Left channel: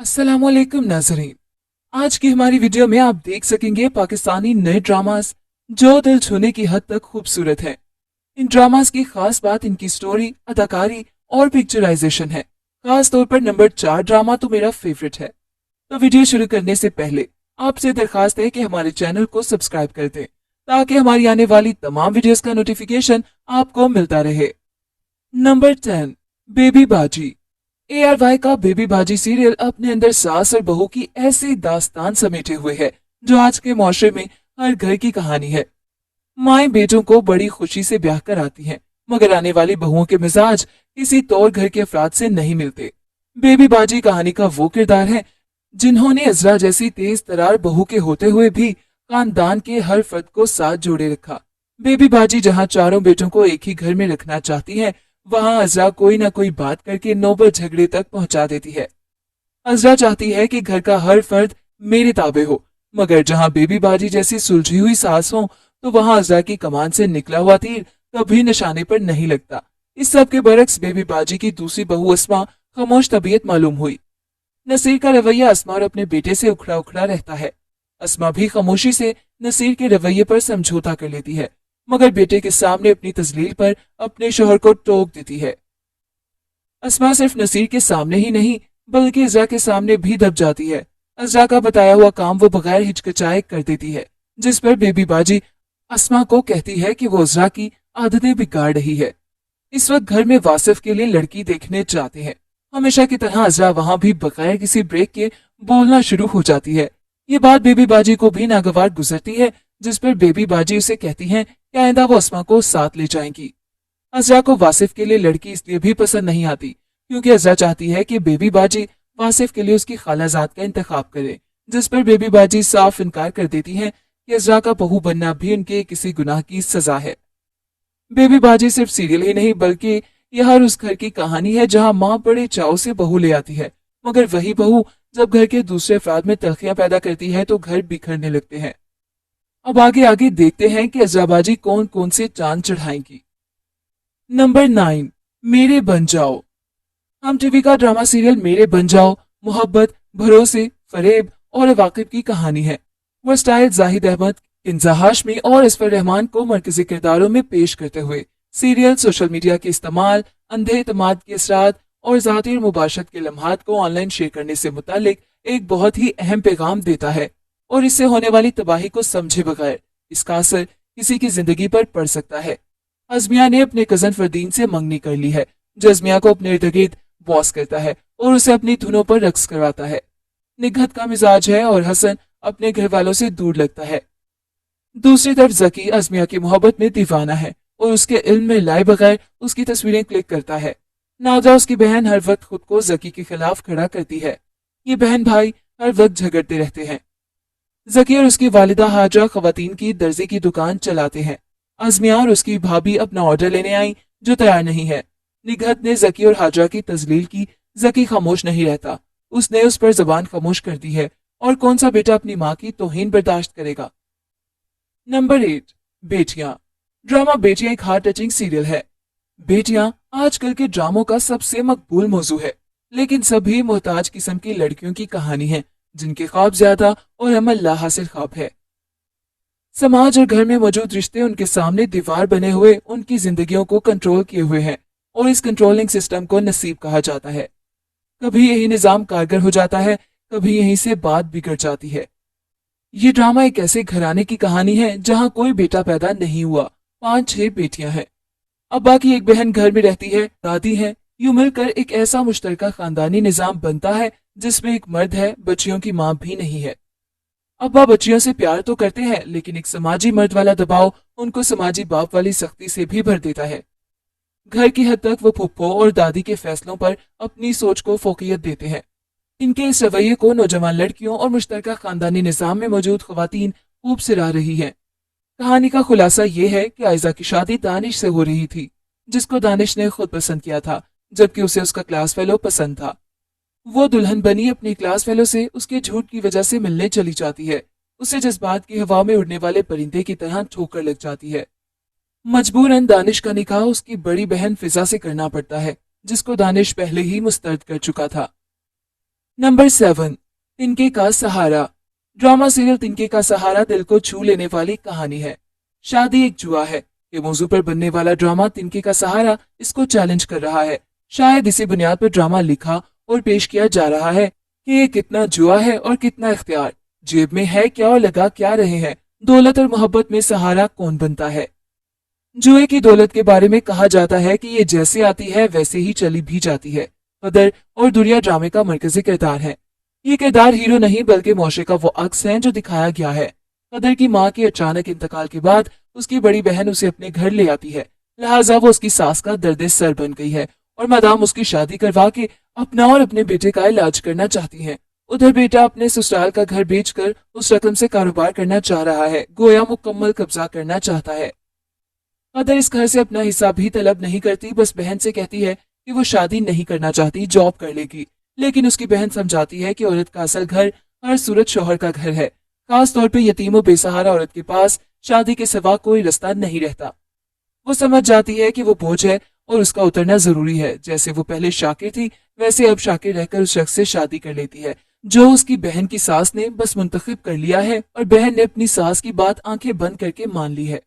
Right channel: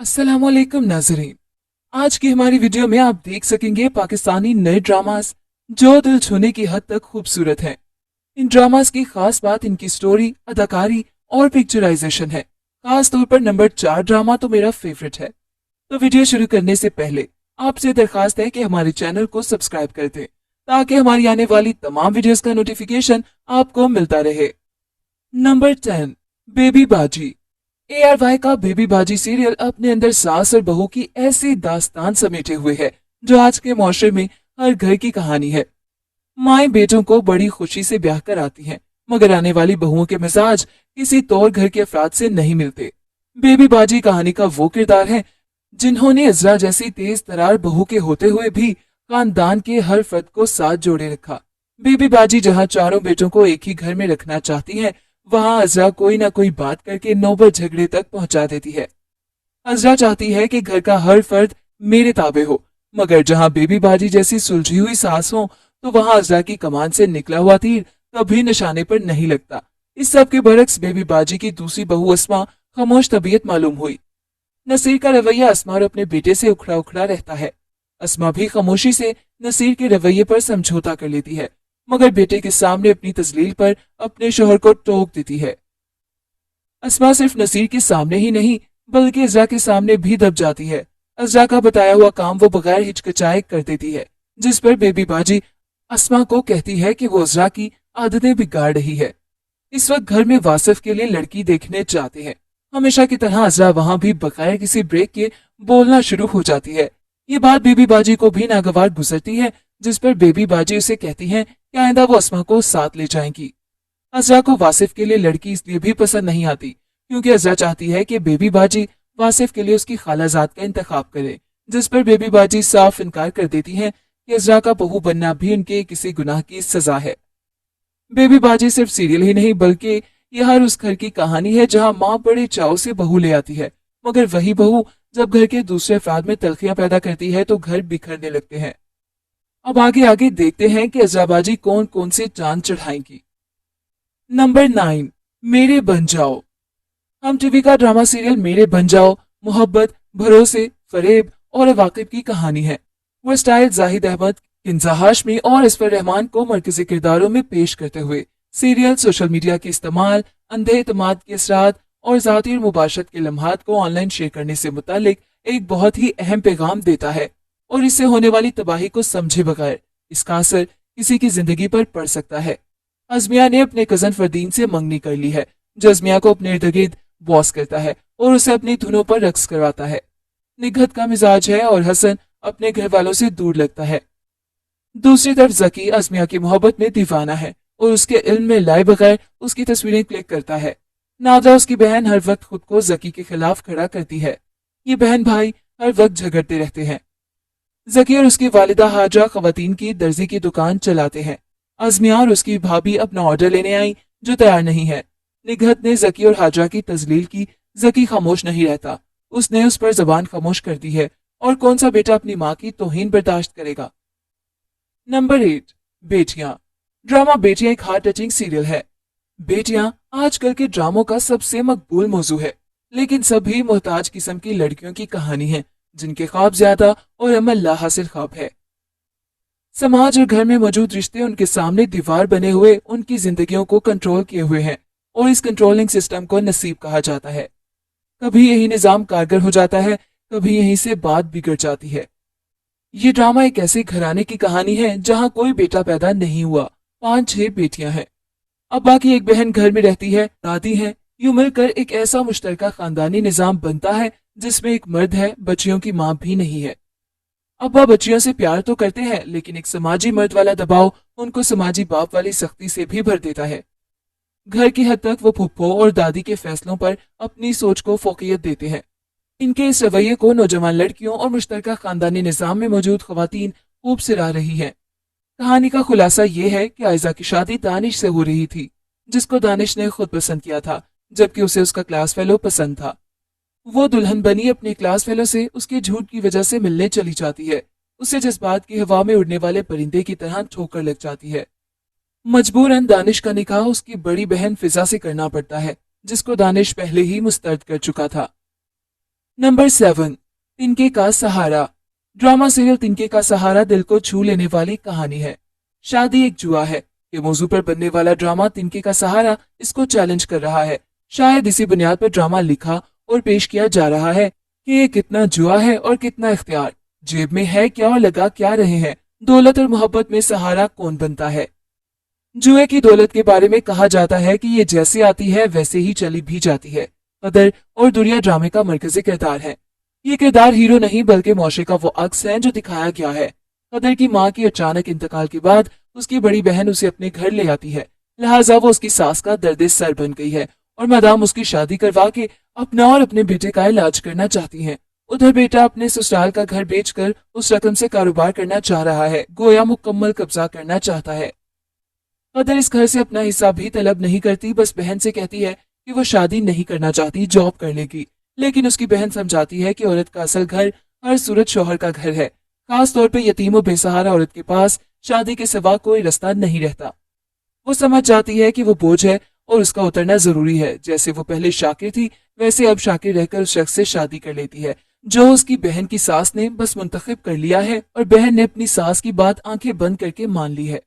अस्सलामुअलैकुम नाजरीन। आज की हमारी वीडियो में आप देख सकेंगे पाकिस्तानी नए ड्रामास जो दिल छूने की हद तक खूबसूरत हैं। इन ड्रामास की खास बात इनकी स्टोरी, अदाकारी और पिक्चराइजेशन है। खास तौर पर नंबर 4 ड्रामा तो मेरा फेवरेट है। तो वीडियो शुरू करने से पहले आपसे दरखास्त है कि हमारे चैनल को सब्सक्राइब कर दें ताकि हमारी आने वाली तमाम वीडियोस का नोटिफिकेशन आपको मिलता रहे। नंबर 10, बेबी बाजी। ARY का बेबी बाजी सीरियल अपने अंदर सास और बहू की ऐसी दास्तान समेटे हुए है जो आज के माशरे में हर घर की कहानी है। माएं बेटों को बड़ी खुशी से ब्याह कर आती हैं, मगर आने वाली बहुओं के मिजाज किसी तौर घर के अफराद से नहीं मिलते। बेबी बाजी कहानी का वो किरदार है जिन्होंने इजरा जैसी तेज तरार बहू के होते हुए भी खानदान के हर फर्द को साथ जोड़े रखा। बेबी बाजी जहाँ चारों बेटों को एक ही घर में रखना चाहती है, वहाँ अजरा कोई ना कोई बात करके नौबत झगड़े तक पहुंचा देती है। अजरा चाहती है कि घर का हर फर्द मेरे ताबे हो, मगर जहाँ बेबी बाजी जैसी सुलझी हुई सास हो तो वहाँ अजरा की कमान से निकला हुआ तीर कभी निशाने पर नहीं लगता। इस सब के बरक्स बेबी बाजी की दूसरी बहू अस्मा खामोश तबीयत मालूम हुई। नसीर का रवैया अस्मा और अपने बेटे से उखड़ा उखड़ा रहता है। अस्मा भी खामोशी से नसीर के रवैये पर समझौता कर लेती है, मगर बेटे के सामने अपनी तजलील पर अपने शोहर को टोक देती है। अस्मा सिर्फ नसीर के सामने ही नहीं बल्कि इज़रा के सामने भी दब जाती है। इज़रा का बताया हुआ काम वो बगैर हिचकिचाए कर देती है, जिस पर बेबी बाजी अस्मा को कहती है कि वो इज़रा की आदतें बिगाड़ रही है। इस वक्त घर में वासिफ के लिए लड़की देखने चाहते हैं। हमेशा की तरह इज़रा वहां भी बगैर किसी ब्रेक के बोलना शुरू हो जाती है। ये बात बेबी बाजी को भी नागवार गुजरती है, जिस पर बेबी बाजी उसे कहती है कि आइंदा वो अस्मा को साथ ले जाएंगी। अज़रा को वासिफ के लिए लड़की इसलिए भी पसंद नहीं आती क्योंकि अज़रा चाहती है कि बेबी बाजी वासिफ के लिए उसकी खालाजाद का इंतखाब करे, जिस पर बेबी बाजी साफ इनकार कर देती है कि अज़रा का बहू बनना भी उनके किसी गुनाह की सजा है। बेबी बाजी सिर्फ सीरियल ही नहीं बल्कि यह हर उस घर की कहानी है जहां माँ बड़े चाव से बहू ले आती है, मगर वही बहू जब घर के दूसरे अफराद में तलखियां पैदा करती है तो घर बिखरने लगते हैं। अब आगे आगे देखते हैं कि अज़रा बाजी कौन कौन से चांद चढ़ाएंगी। नंबर 9, मेरे बन जाओ। हम टीवी का ड्रामा सीरियल मेरे बन जाओ मोहब्बत, भरोसे, फरेब और वाकिब की कहानी है। वो स्टाइल जाहिद अहमद, इंजा हाशमी और इसफर रहमान को मरकजी किरदारों में पेश करते हुए सीरियल सोशल मीडिया के इस्तेमाल, अंधे इत्मीनान की असरात और जाती और मुबाशरत के लम्हात को ऑनलाइन शेयर करने से मुतालिक एक बहुत ही अहम पैगाम देता है और इससे होने वाली तबाही को समझे बगैर इसका असर किसी की जिंदगी पर पड़ सकता है। अजमिया ने अपने कजन फरदीन से मंगनी कर ली है, जो अजमिया को अपने इर्द गिर्द बॉस करता है और उसे अपनी धुनों पर रक्स करवाता है। निगहत का मिजाज है और हसन अपने घर वालों से दूर लगता है। दूसरी तरफ जकी अजमिया की मोहब्बत में दीवाना है और उसके इल्म में लाए बगैर उसकी तस्वीरें क्लिक करता है। नाजा उसकी बहन हर वक्त खुद को जकी के खिलाफ खड़ा करती है। ये बहन भाई हर वक्त झगड़ते रहते हैं। जकी और उसकी वालिदा हाजरा खवातीन की दर्जी की दुकान चलाते हैं। अजमिया और उसकी भाभी अपना ऑर्डर लेने आई जो तैयार नहीं है। निगहत ने जकी और हाजरा की तजलील की। जकी खामोश नहीं रहता, उसने उस पर जबान खामोश कर दी है और कौन सा बेटा अपनी माँ की तौहीन बर्दाश्त करेगा। नंबर 8, बेटियां। ड्रामा बेटियां एक हार्ट टचिंग सीरियल है। बेटियां आजकल के ड्रामों का सबसे मकबूल मौजू है, लेकिन सभी मोहताज किस्म की लड़कियों की कहानी है जिनके ख्वाब ज्यादा और अमल ला हासिल ख्वाब है। समाज और घर में मौजूद रिश्ते उनके सामने दीवार बने हुए उनकी जिंदगियों को कंट्रोल किए हुए हैं और इस कंट्रोलिंग सिस्टम को नसीब कहा जाता है। कभी यही निजाम कारगर हो जाता है, कभी यहीं से बात बिगड़ जाती है। ये ड्रामा एक ऐसे घराने की कहानी है जहां कोई बेटा पैदा नहीं हुआ, 5-6 बेटियां हैं। अब बाकी एक बहन घर में रहती है, दादी है। यूं मिलकर एक ऐसा मुश्तरका खानदानी निजाम बनता है जिसमें एक मर्द है, बच्चियों की माँ भी नहीं है। अब्बा बच्चियों से प्यार तो करते हैं, लेकिन एक समाजी मर्द वाला दबाव उनको समाजी बाप वाली सख्ती से भी भर देता है। घर की हद तक वो फुप्पो और दादी के फैसलों पर अपनी सोच को फोकियत देते हैं। इनके इस रवैये को नौजवान लड़कियों और मुश्तरका खानदानी निजाम में मौजूद खवातीन खूब सिरा रही हैं। कहानी का खुलासा ये है कि आयजा की शादी दानिश से हो रही थी, जिसको दानिश ने खुद पसंद किया था, जबकि उसे उसका क्लास फेलो पसंद था। वो दुल्हन बनी अपनी क्लास फेलो से उसके झूठ की वजह से मिलने चली जाती है। उसे जज्बात की हवा में उड़ने वाले परिंदे की तरह ठोकर लग जाती है। मजबूरन दानिश का निकाह उसकी बड़ी बहन फिजा से करना पड़ता है, जिसको दानिश पहले ही मुस्तरद कर चुका था। नंबर 7, तिनके का सहारा। ड्रामा सीरियल तिनके का सहारा दिल को छू लेने वाली कहानी है। शादी एक जुआ है के मौजू पर बनने वाला ड्रामा तिनके का सहारा इसको चैलेंज कर रहा है। शायद इसी बुनियाद पर ड्रामा लिखा और पेश किया जा रहा है कि ये कितना जुआ है और कितना इख्तियार। जेब में है क्या और लगा क्या रहे हैं। दौलत और मोहब्बत में सहारा कौन बनता है। जुए की दौलत के बारे में कहा जाता है कि ये जैसे आती है वैसे ही चली भी जाती है। कदर और दुनिया ड्रामे का मरकजी किरदार है। ये किरदार हीरो नहीं बल्कि मुआशरे का वो अक्स है जो दिखाया गया है। कदर की माँ की अचानक इंतकाल के बाद उसकी बड़ी बहन उसे अपने घर ले आती है, लिहाजा वो उसकी सास का दर्द सर बन गई है और मादाम उसकी शादी करवा के अपना और अपने बेटे का इलाज करना चाहती हैं। उधर बेटा अपने ससुराल का घर बेचकर उस रकम से कारोबार करना चाह रहा है, गोया मुकम्मल कब्जा करना चाहता है। कदर इस घर से अपना हिस्सा भी तलब नहीं करती, बस बहन से कहती है कि वो शादी नहीं करना चाहती, जॉब कर लेगी। लेकिन उसकी बहन समझाती है कि औरत का असल घर हर सूरत शौहर का घर है, खास तौर पे यतीम और बेसहारा औरत के पास शादी के सिवा कोई रास्ता नहीं रहता। वो समझ जाती है कि वो बोझ है और उसका उतरना जरूरी है। जैसे वो पहले शाकिर थी वैसे अब शाकिर रहकर उस शख्स से शादी कर लेती है जो उसकी बहन की सास ने बस मुंतखब कर लिया है और बहन ने अपनी सास की बात आंखें बंद करके मान ली है।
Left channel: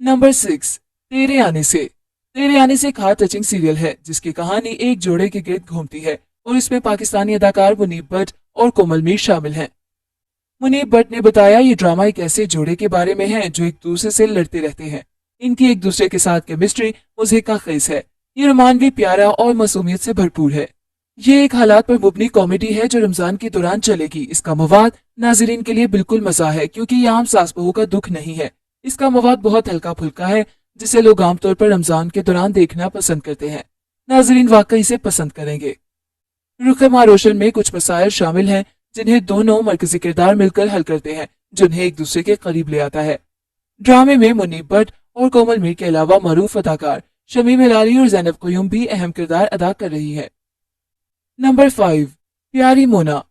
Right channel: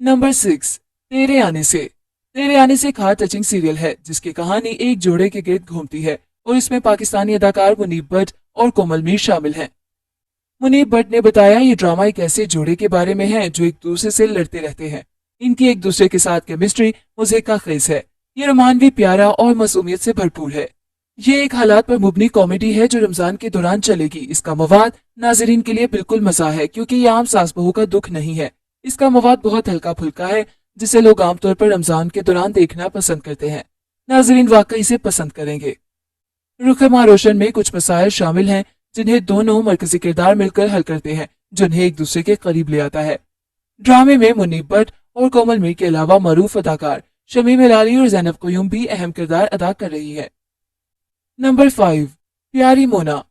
नंबर 6, तेरे आने से। तेरे आने से एक हार्ट टचिंग सीरियल है जिसकी कहानी एक जोड़े के गिर्द घूमती है और इसमें पाकिस्तानी अदाकार मुनीब भट्ट और कोमल मीर शामिल हैं। मुनीब भट्ट ने बताया ये ड्रामा एक ऐसे जोड़े के बारे में है जो एक दूसरे से लड़ते रहते हैं। इनकी एक दूसरे के साथ केमिस्ट्री मुझे का खेस है। ये रोमान भी प्यारा और मासूमियत से भरपूर है। ये एक हालात पर मुबनी कॉमेडी है जो रमजान के दौरान चलेगी। इसका मवाद नाजरीन के लिए बिल्कुल मसा है क्योंकि ये आम सास बहू का दुख नहीं है। इसका मवाद बहुत हल्का फुल्का है जिसे लोग आमतौर पर रमजान के दौरान देखना पसंद करते हैं। नाजरीन वाकई इसे पसंद करेंगे। रुख माँ रोशन में कुछ मसाइल शामिल हैं जिन्हें दोनों मरकजी किरदार मिलकर हल करते हैं, जिन्हें एक दूसरे के करीब ले आता है। ड्रामे में मुनीब भट्ट और कोमल मीर के अलावा मरूफ अदाकार शमीम हिलाली और जैनब क़य्यूम भी अहम किरदार अदा कर रही है। नंबर 5, प्यारी मोना।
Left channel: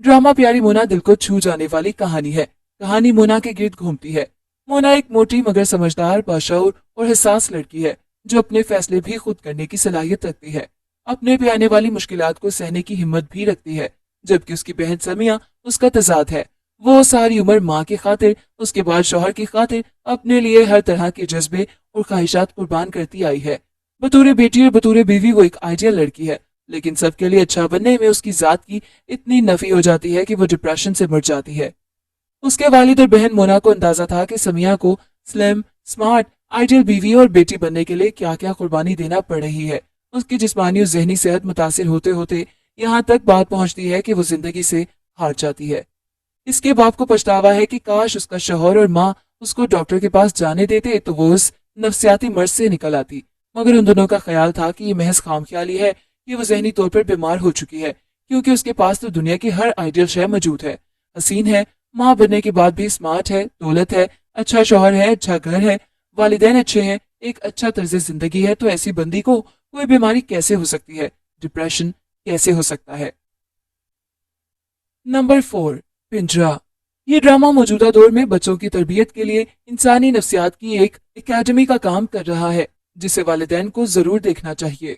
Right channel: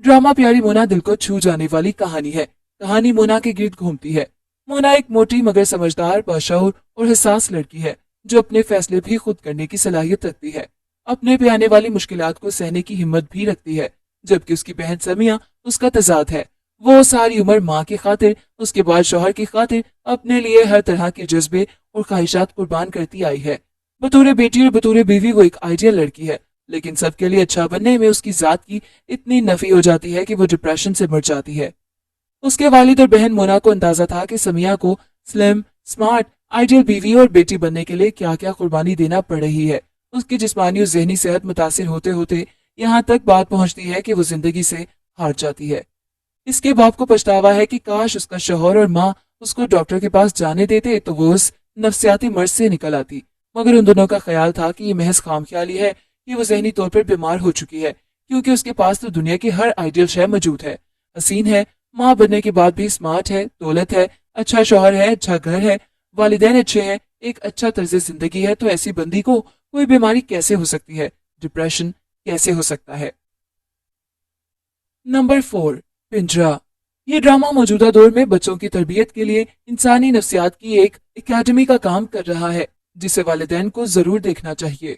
ड्रामा प्यारी मोना दिल को छू जाने वाली कहानी है। कहानी मोना के गिर्द घूमती है। मोना एक मोटी मगर समझदार, बाशऊर और हिसास लड़की है जो अपने फैसले भी खुद करने की सलाहियत रखती है। अपने पे आने वाली मुश्किलात को सहने की हिम्मत भी रखती है, जबकि उसकी बहन समिया उसका तजाद है। वो सारी उम्र माँ की खातिर, उसके बाद शौहर की खातिर अपने लिए हर तरह के जज्बे और ख्वाहिशात कुर्बान करती आई है। बतौर बेटी और बतौर बीवी वो एक आइडियल लड़की है, लेकिन सबके लिए अच्छा बनने में उसकी जात की इतनी नफी हो जाती है कि वो डिप्रेशन से मर जाती है। उसके वालिद और बहन मोना को अंदाजा था कि समिया को स्लिम, स्मार्ट, आइडियल बीवी और बेटी बनने के लिए क्या क्या कुर्बानी देना पड़ रही है। उसकी जिस्मानी और जहनी सेहत मुतासिर होते होते यहाँ तक बात पहुँचती है कि वो जिंदगी से हार जाती है। इसके बाप को पछतावा है कि काश उसका शौहर और माँ उसको डॉक्टर के पास जाने देते तो वो उस नफ्सियाती मर्ज से निकल आती, मगर उन दोनों का ख्याल था कि ये महज खामख्याली है कि वो जहनी तौर पर बीमार हो चुकी है, क्योंकि उसके पास तो दुनिया की हर आइडियल शय मौजूद है। हसीन है, माँ बनने के बाद भी स्मार्ट है, दौलत है, अच्छा शौहर है, अच्छा घर है, वालिदैन अच्छे हैं, एक अच्छा तर्ज जिंदगी है। तो ऐसी बंदी को कोई बीमारी कैसे हो सकती है, डिप्रेशन कैसे हो सकता है। नंबर 4, पिंजरा। ये ड्रामा मौजूदा दौर में बच्चों की तरबियत के लिए इंसानी नफ्सियात की एक एकेडमी का काम कर रहा है, जिसे वालिदैन को जरूर देखना चाहिए।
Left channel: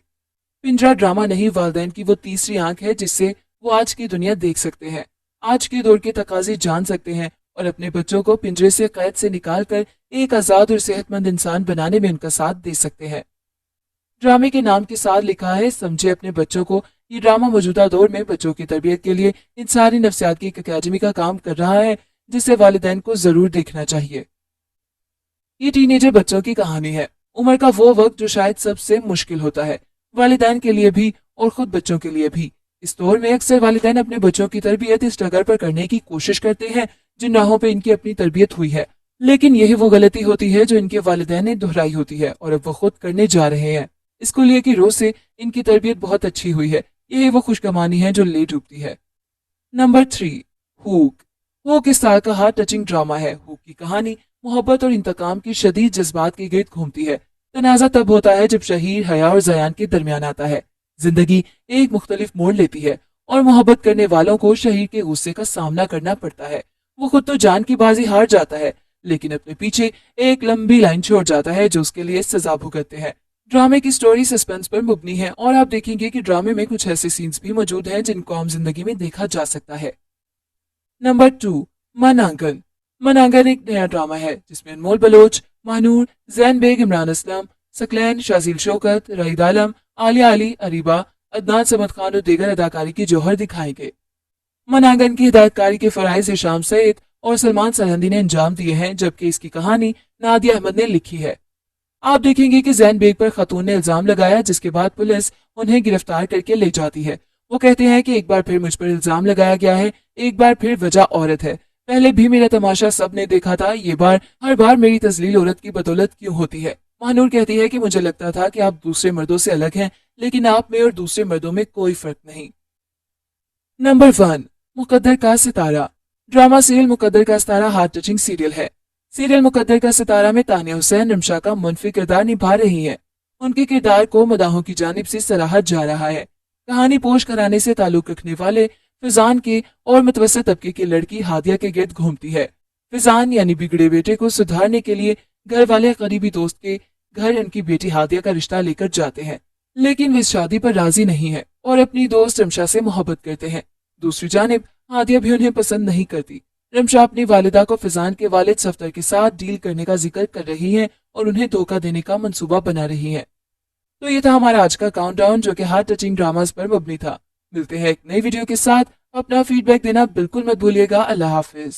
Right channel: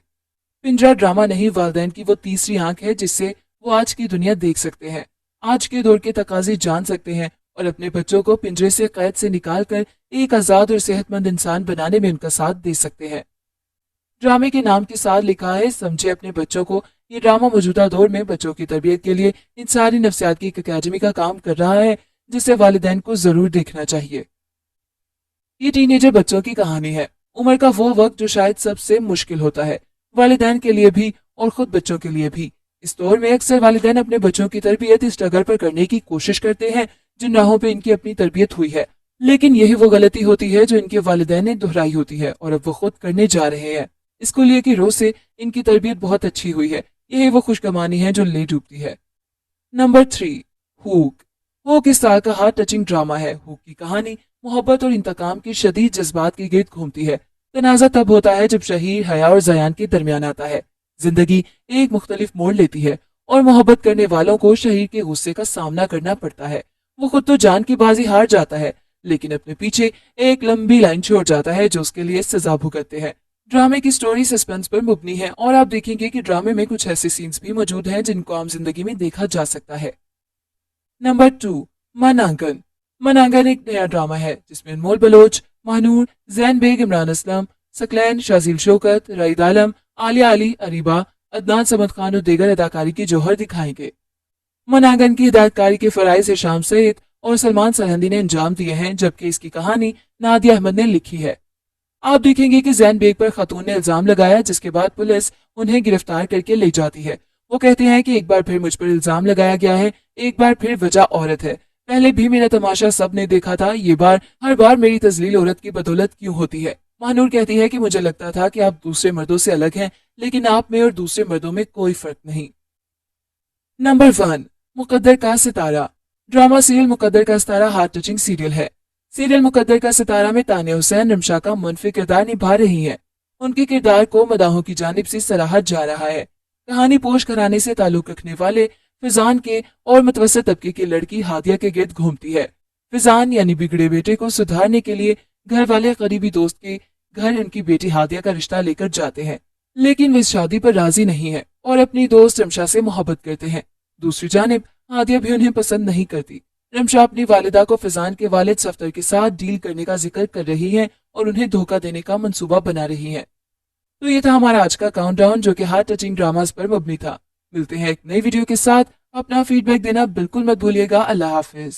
पिंजरा ड्रामा नहीं, वालिदैन की वो तीसरी आंख है जिससे वो आज की दुनिया देख सकते हैं, आज के दौर के तकाजे जान सकते हैं और अपने बच्चों को पिंजरे से कैद से निकाल कर एक आजाद और सेहतमंद इंसान बनाने में उनका साथ दे सकते हैं। ड्रामे के नाम के साथ लिखा है समझे अपने बच्चों को। ये ड्रामा मौजूदा दौर में बच्चों की तरबियत के लिए इंसानी नफ्सियात की एक अकेडमी का काम कर रहा है, जिसे वालिदैन को जरूर देखना चाहिए। ये टीनेजर बच्चों की कहानी है, उम्र का वो वक्त जो शायद सबसे मुश्किल होता है, वालिदैन के लिए भी और खुद बच्चों के लिए भी। इस दौर में अक्सर वालिदैन अपने बच्चों की तरबियत इस जगह पर करने की कोशिश करते हैं जिन राहों पे इनकी अपनी तरबियत हुई है, लेकिन यही वो गलती होती है जो इनके वालिदैन ने दोहराई होती है और अब वो खुद करने जा रहे हैं। इसको लिए कि रोज से इनकी तरबियत बहुत अच्छी हुई है, यही वो खुशगमानी है जो ले डूबती है। Number 3, hook. हुक इस साल का हार्ट टचिंग ड्रामा है। हुक की कहानी मोहब्बत और इंतकाम की शदीद जज्बात के गिर्द घूमती है। तनाजा तब होता है जब शहीर हया और जयान के दरमियान आता है। जिंदगी एक मुख्तलिफ मोड़ लेती है और मोहब्बत करने वालों को शहीर के गुस्से का सामना करना पड़ता है। वो खुद तो जान की बाजी हार जाता है, लेकिन अपने पीछे एक लंबी लाइन छोड़ जाता है जो उसके लिए सजा भुगतते हैं। ड्रामे की स्टोरी सस्पेंस पर मुबनी है और आप देखेंगे कि ड्रामे में कुछ ऐसे सीन्स भी मौजूद हैं जिनको आम जिंदगी में देखा जा सकता है। नंबर 2, मन आंगन। मन आंगन एक नया ड्रामा है जिसमें अनमोल बलोच, महानूर, जैन बेग, इमरान असलम, सकलैन, शाजील शौकत, रईद आलम, आलिया अली, अरीबा, अदनान समद खान और दीगर अदाकारी की जौहर दिखाई गई। मन आंगन की हिदायतकारी के फराइज हिशाम सईद और सलमान सरहंदी ने अंजाम दिए हैं, जबकि इसकी कहानी नादिया अहमद ने लिखी है। आप देखेंगे कि जैन बेग पर खतून ने इल्जाम लगाया, जिसके बाद पुलिस उन्हें गिरफ्तार करके ले जाती है। वो कहते हैं कि एक बार फिर मुझ पर इल्जाम लगाया गया है, एक बार फिर वजह औरत है। पहले भी मेरा तमाशा सबने देखा था, ये बार हर बार मेरी तजलील औरत की बदौलत क्यों होती है। महानूर कहती है कि मुझे लगता था कि आप दूसरे मर्दों से अलग हैं, लेकिन आप में और दूसरे मर्दों में कोई फर्क नहीं। नंबर 1, मुकद्दर का सितारा। ड्रामा सीरियल मुकद्दर का सितारा हार्ट टचिंग सीरियल है। सीरियल मुकद्दर का सितारा में तानिया हुसैन रमशा का मुनफी किरदार निभा रही है। उनके किरदार को मदाहों की जानिब से सराहा जा रहा है। कहानी पोश घराने से ताल्लुक रखने वाले फिजान के और मुतवस्सित तबके की लड़की हादिया के गिर्द घूमती है। फिजान यानी बिगड़े बेटे को सुधारने के लिए घर वाले करीबी दोस्त के घर उनकी बेटी हादिया का रिश्ता लेकर जाते हैं, लेकिन वे इस शादी पर राजी नहीं है और अपनी दोस्त रमशा से मोहब्बत करते हैं। दूसरी जानिब हादिया भी उन्हें पसंद नहीं करती। रमशा अपनी वालिदा को फिजान के वालिद सफ्तर के साथ डील करने का जिक्र कर रही है और उन्हें धोखा देने का मंसूबा बना रही है। तो ये था हमारा आज का काउंटडाउन जो कि हार्ट टचिंग ड्रामास पर मबनी था। मिलते हैं एक नई वीडियो के साथ। अपना फीडबैक देना बिल्कुल मत भूलिएगा। अल्लाह हाफिज।